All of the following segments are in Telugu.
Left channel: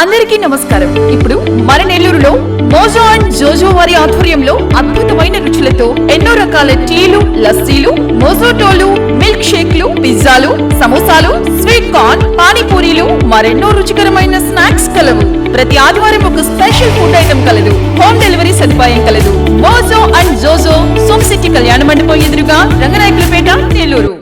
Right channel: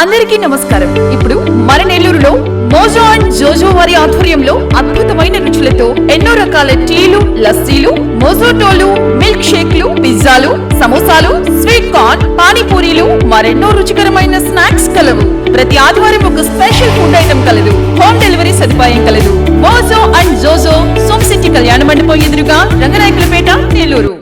అందరికీ నమస్కారం. ఇప్పుడు మన నెల్లూరులో మోజో అండ్ జోజో వారి ఆధ్వర్యంలో అద్భుతమైన రుచులతో ఎన్నో రకాల టీలు, లస్సీలు, మోజోటోలు, మిల్క్ షేక్లు, పిజ్జాలు, సమోసాలు, స్వీట్ కార్న్, పానీపూరీలు, మరెన్నో రుచికరమైన స్నాక్స్ కలవు. ప్రతి ఆదివారం ఒక స్పెషల్ ఫుడ్ ఐటమ్ కలదు. హోమ్ డెలివరీ సదుపాయం కలదు. మోజో అండ్ జోజో, సోమ్ సిటీ కళ్యాణ మండపం ఎదురుగా, రంగనాయకులపేట, నెల్లూరు.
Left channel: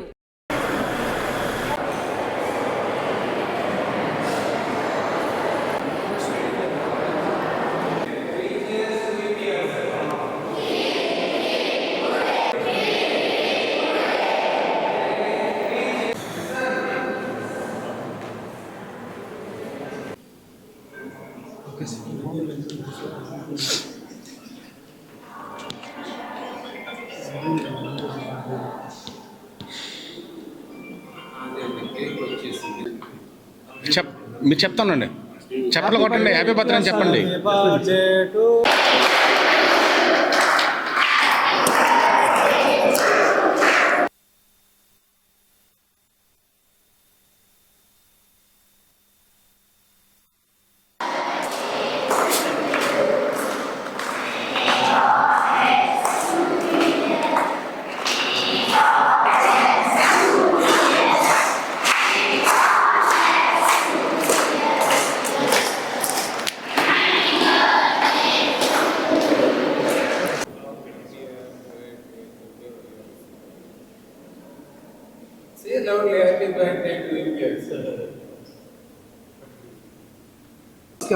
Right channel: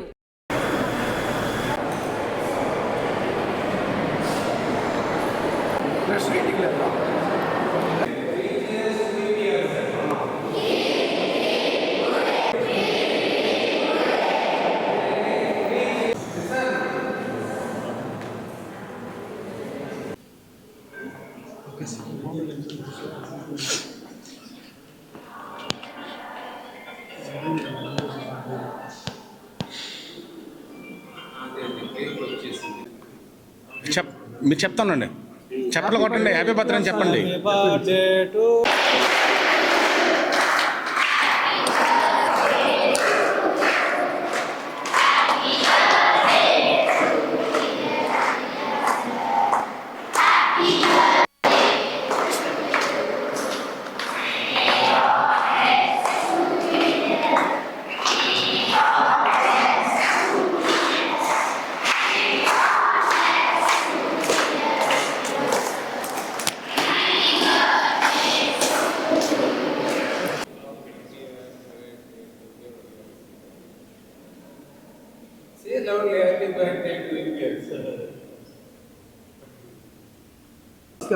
మీరు చెప్తానండి, చెప్పలు కొట్టండి, హ్యాపీ బర్త్డే అని చెప్పండి.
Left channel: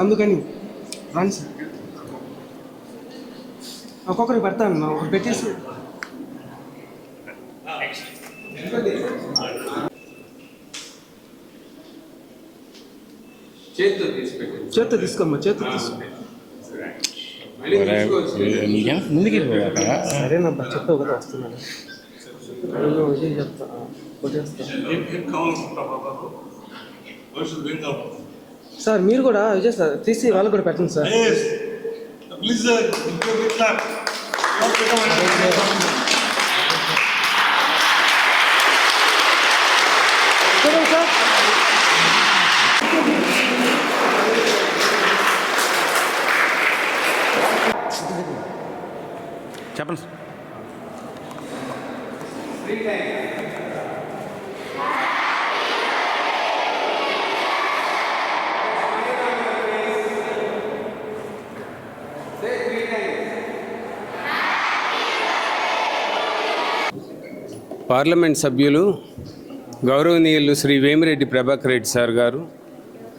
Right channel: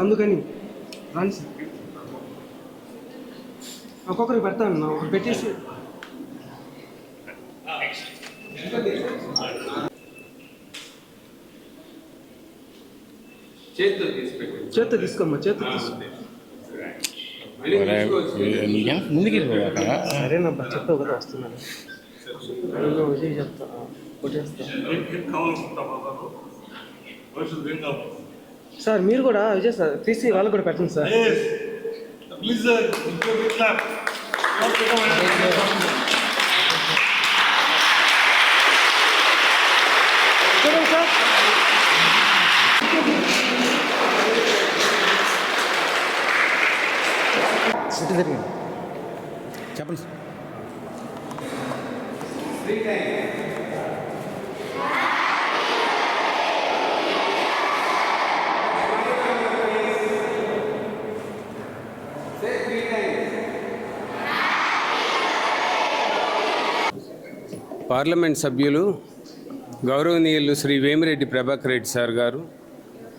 అందుకని రండి సార్, ఒక్కొక్కరికి పెడతాను, ఒకటి పెట్టేసి చేత్తో తీసుకోమ్మా, చేత్తో తీసుకో. సరేనబ్బా, చెప్పావు కదా వస్తున్నాను. విజయ్ చెప్తా, కొట్టేస్తా సార్. మీరు కూడా విజయ్ సార్ తీసి వాళ్ళకు కూడా పెట్టండి సార్. చెప్పండి సార్. పార్లమెంట్ సభ్యులు గౌరవనీయులు శ్రీ వేమిరెడ్డి ప్రభాకర్ రెడ్డి సార్ గారు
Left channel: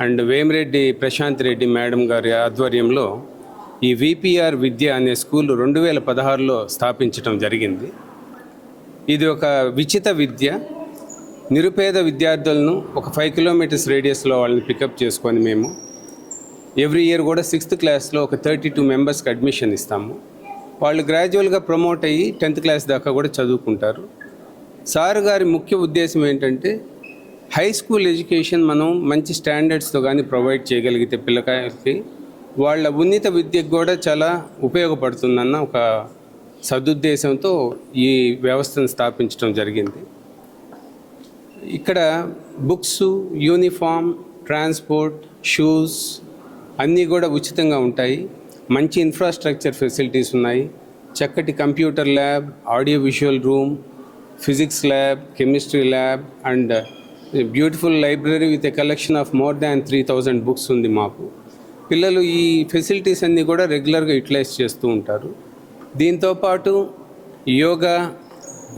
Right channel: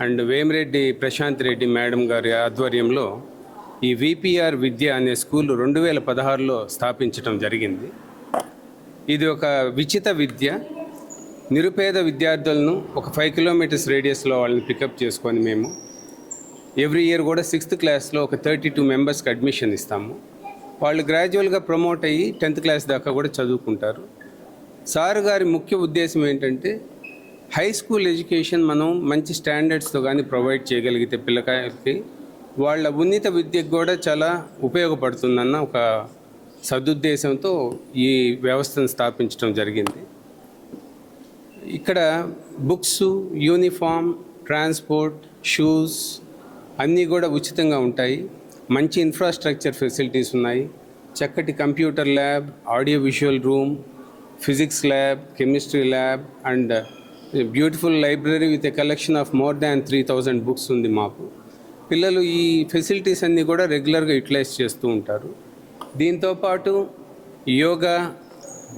అండ్ వేమిరెడ్డి ప్రశాంత్ రెడ్డి మేడం గారి ఆధ్వర్యంలో ఈ విపిఆర్ విద్య అనే స్కూల్ 2016లో స్థాపించడం జరిగింది. ఇది ఒక విచిత విద్య. నిరుపేద విద్యార్థులను ఒక 5 కిలోమీటర్స్ రేడియస్లో వాళ్ళని పికప్ చేసుకొని మేము ఎవ్రీ ఇయర్ కూడా 6th క్లాస్లో ఒక 32 మెంబర్స్కి అడ్మిషన్ ఇస్తాము. వాళ్ళు గ్రాడ్యువల్గా ప్రమోట్ అయ్యి 10th క్లాస్ దాకా కూడా చదువుకుంటారు. సార్ గారి ముఖ్య ఉద్దేశం ఏంటంటే హై స్కూల్ ఎడ్యుకేషన్ మనం మంచి స్టాండర్డ్స్తో కానీ ప్రొవైడ్ చేయగలిగితే పిల్లకాయలకి వాళ్ళ ఉన్నత విద్యకు కూడా చాలా ఉపయోగపడుతుందన్న ఒక సదుద్దేశంతో ఈ వ్యవస్థను స్థాపించడం జరిగింది. ఇక్కడ బుక్స్, యూనిఫామ్, ట్రాన్స్పోర్ట్, షూస్ అన్నీ కూడా ఉచితంగా ఉంటాయి. మంచి ఇన్ఫ్రాస్ట్రక్చర్ ఫెసిలిటీస్ ఉన్నాయి. చక్కటి computer lab, audio visual room, physics lab, chemistry lab and beautiful library with a collection of more than 3000 books ఉంది మాకు. పిల్లలు ఈ ఫెసిలిటీస్ అన్నీ కూడా రెగ్యులర్గా యూటిలైజ్ చేస్తూ ఉంటారు. దీంతోపాటు yoga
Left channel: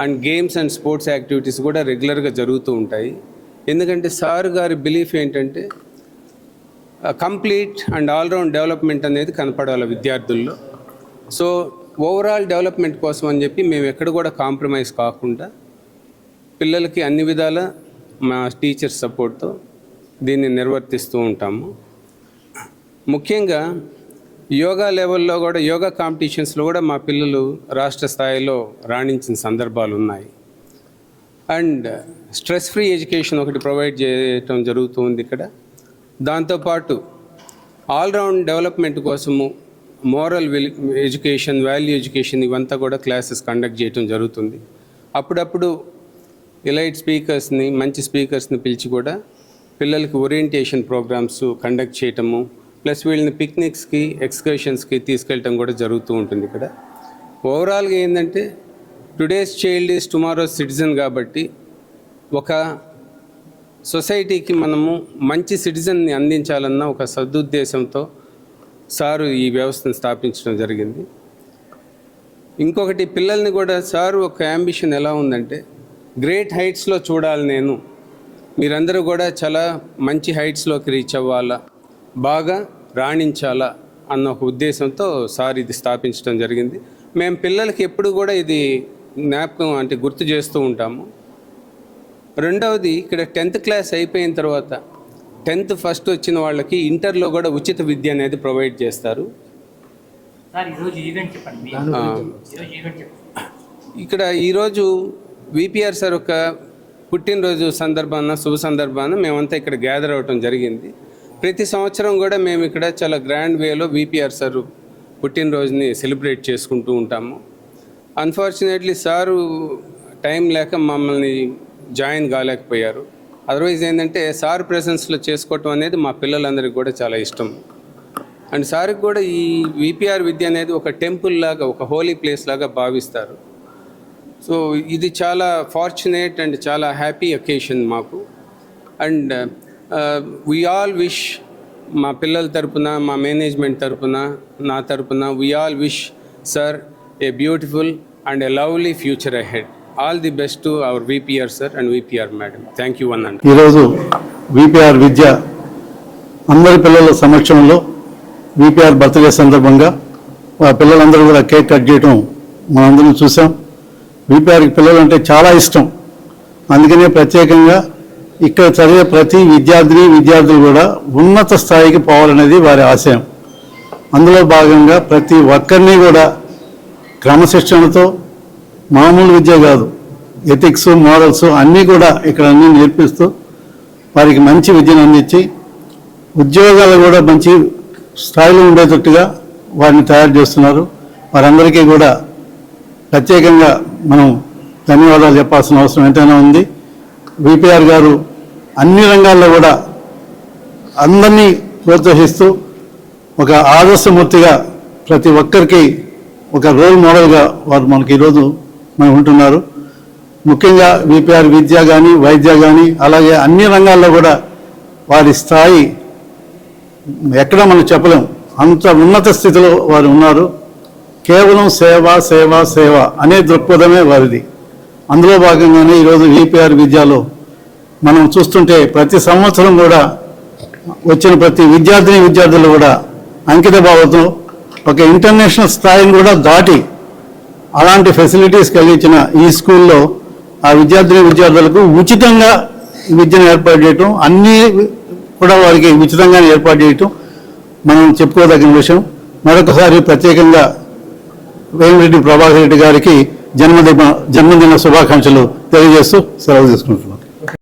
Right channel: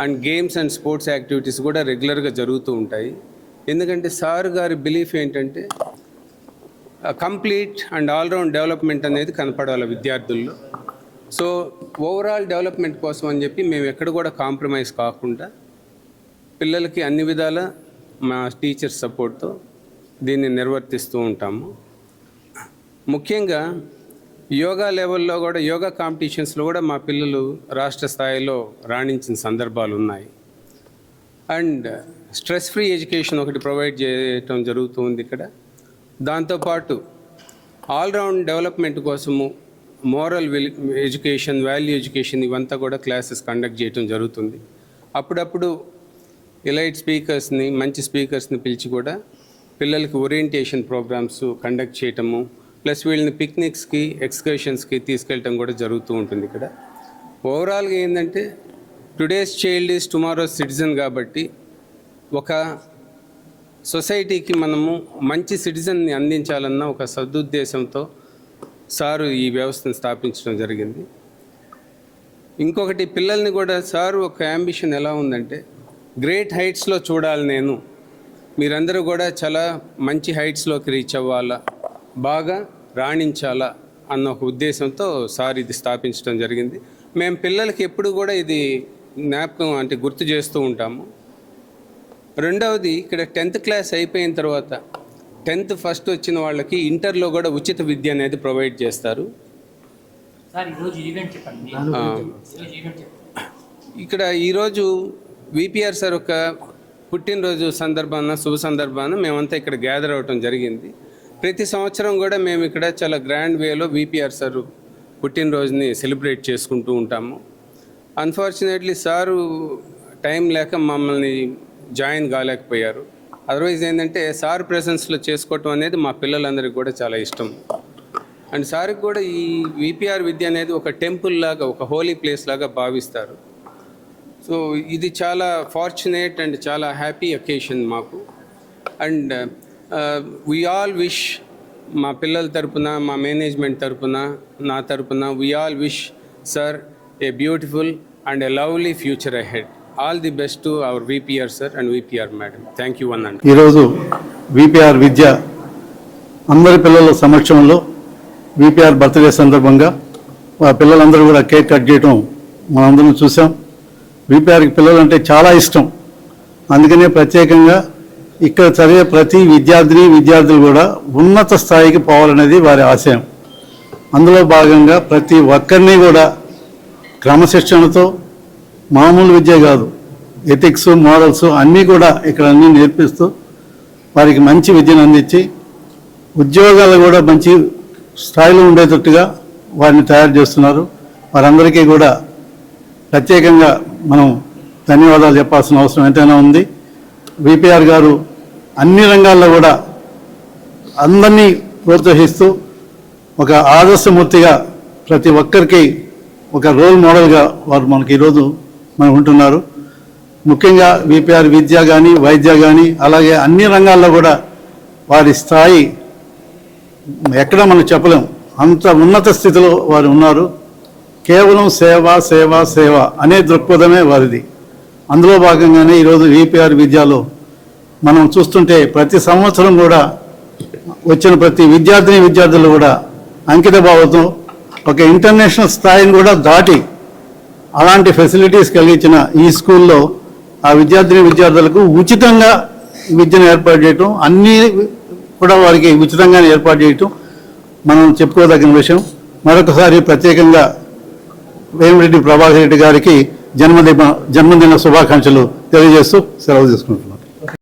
and games and sports activities కూడా రెగ్యులర్గా జరుగుతూ ఉంటాయి. ఎందుకంటే సార్ గారి బిలీఫ్ ఏంటంటే కంప్లీట్ అండ్ ఆల్రౌండ్ డెవలప్మెంట్ అనేది కనపడాలి విద్యార్థుల్లో. సో ఓవరాల్ డెవలప్మెంట్ కోసం అని చెప్పి మేము ఎక్కడ కూడా కాంప్రమైజ్ కాకుండా పిల్లలకి అన్ని విధాల మా టీచర్స్ సపోర్ట్తో దీన్ని నిర్వర్తిస్తూ ఉంటాము. ముఖ్యంగా యోగా లెవెల్లో కూడా, యోగా కాంపిటీషన్స్లో కూడా మా పిల్లలు రాష్ట్ర స్థాయిలో రాణించిన సందర్భాలు ఉన్నాయి. అండ్ స్ట్రెస్ ఫ్రీ ఎడ్యుకేషన్ ఒకటి ప్రొవైడ్ చేయటం జరుగుతుంది ఇక్కడ. దాంతోపాటు ఆల్రౌండ్ డెవలప్మెంట్ కోసము మోరల్ ఎడ్యుకేషన్, వాల్యూ ఎడ్యుకేషన్ ఇవంతా కూడా క్లాసెస్ కండక్ట్ చేయటం జరుగుతుంది. అప్పుడప్పుడు ఎలైట్ స్పీకర్స్ని, మంచి స్పీకర్స్ని పిలిచి కూడా పిల్లలకి ఓరియంటేషన్ ప్రోగ్రామ్స్ కండక్ట్ చేయటము, ప్లస్ వీళ్ళని పిక్నిక్స్కి, ఎక్స్కర్షన్స్కి తీసుకెళ్ళటం కూడా జరుగుతూ ఉంటుంది ఇక్కడ. ఓవరాల్గా ఏంటంటే today's child is tomorrow's citizen కాబట్టి ఒక సొసైటీకి మనము మంచి సిటిజన్ని అందించాలన్న ఒక సదుద్దేశంతో సారు ఈ వ్యవస్థను స్థాపించడం జరిగింది. ఇంకొకటి పిల్లల్ని కూడా సారు ఒక యాంబిషన్ ఎలా ఉందంటే గ్రేట్ హైట్స్లో చూడాలి, నేను మీరందరూ కూడా చాలా మంచి హైట్స్లోకి రీచ్ అవ్వాలా, బాగా రాణించాలా అన్న ఒక ఉద్దేశంతో సార్ ఇది స్థాపించడం జరిగింది. మేము పిల్లలకి ఎప్పుడు కూడా ఇది జ్ఞాపకం అంటే గుర్తు చేస్తూ ఉంటాము. రెండవది ఇక్కడ 10th క్లాస్ అయిపోయిన తర్వాత 10th ఫస్ట్ వచ్చిన వాళ్ళకి ఇంటర్లో కూడా ఉచిత విద్య అనేది ప్రొవైడ్ చేస్తారు. ఇక్కడ ఈరోజు విపిఆర్ సార్ ఒక పుట్టినరోజు సందర్భాన, శుభ సందర్భాన మేమంతా ఇక్కడ గ్యాదర్ అవ్వటం జరిగింది. ప్రతి సంవత్సరం కూడా మేము ఇక్కడ చాలా గ్రాండ్ వేలో విపిఆర్ సార్ పుట్టినరోజుని సెలబ్రేట్ చేసుకుంటూ ఉంటాము. అన్ఫార్చునేట్లీ సారు టైం లేక మమ్మల్ని జాయిన్ కాలేకపోయారు. అదర్వైజ్ ఏంటంటే సార్ ప్రెసెన్స్లో చేసుకోవటం అనేది మా పిల్లలందరికీ కూడా చాలా ఇష్టం. అండ్ సార్కి కూడా ఈ విపిఆర్ విద్య అనేది ఒక టెంపుల్ లాగా, ఒక హోలీ ప్లేస్ లాగా భావిస్తారు. సో ఇది చాలా ఫార్చునేట్ అండ్ చాలా హ్యాపీ అకేషన్ మాకు. అండ్ వీ ఆల్ విష్, మా పిల్లల తరపున, మా మేనేజ్మెంట్ తరపున, నా తరపున we all wish sir a beautiful and a lovely future ahead. All the best to our VPR sir and VPR madam. Thank you అన్న. ఈరోజు విపిఆర్ విద్య అందరి పిల్లల సమక్షంలో విపిఆర్ బర్త్డే సందర్భంగా ఆ పిల్లలందరూ కూడా కేక్ కట్ చేయడం మనందరం చూసాం. విపిఆర్కి పిల్లలంటే చాలా ఇష్టం. అందుకనే ప్రత్యేకంగా ఇక్కడ చదివే ప్రతి విద్యార్థులు కూడా ఉన్నత స్థాయికి పోవాలనేది వారి ఆశయం. అందులో భాగంగా ప్రతి ఒక్కరిని కూడా క్రమశిక్షణతో, మామూలు విద్య కాదు, ఎథిక్స్, మోరల్స్ అన్నీ కూడా ఇక్కడ అన్నీ నేర్పిస్తూ వారికి మంచి విద్యను అందించి ఉద్యోగాలు కూడా మంచి స్థాయిలో ఉండేటట్టుగా వారిని తయారు చేస్తున్నారు. వారందరికీ కూడా ప్రత్యేకంగా మనం ధన్యవాదాలు చెప్పాల్సిన అవసరం ఎంతైనా ఉంది. విపిఆర్ గారు అన్ని రంగాల్లో కూడా అందరినీ ప్రోత్సహిస్తూ ఒక ఆదర్శమూర్తిగా ప్రతి ఒక్కరికి ఒక రోల్ మోడల్గా వారు మనకి ఈరోజు మనకు ఉంటున్నారు. ముఖ్యంగా విపిఆర్ విద్య కానీ, వైద్య కానీ, అలాగే అన్ని రంగాల్లో కూడా వారి స్థాయి ఎక్కడ మనం చెప్పలేం, అంత ఉన్నత స్థితిలో వారు ఉన్నారు. కేవలం సేవ సేవ సేవ అనే దృక్పథమే వారిది. అందులో భాగంగానే ఈరోజు విపిఆర్ విద్యలో మనం చూస్తుంటే ప్రతి సంవత్సరం కూడా వచ్చిన ప్రతి విద్యార్థులు కూడా అంకిత భావంతో ఒక ఇంటర్నేషనల్ స్థాయిని కూడా దాటి అలాంటి ఫెసిలిటీస్ కలిగించిన ఈ స్కూల్లో ఆ విద్యార్థులకు ఉచితంగా విద్యను ఏర్పాటు చేయటం, అన్నీ కూడా వారికి ఉచితంగానే ఏర్పాటు చేయటం మనం చెప్పుకోదగిన విషయం. మరొకసారి ప్రత్యేకంగా వేమిరెడ్డి ప్రభాకర్ రెడ్డి గారికి జన్మదిన శుభాకాంక్షలు తెలియజేస్తూ సెలవు తీసుకుంటున్నాం.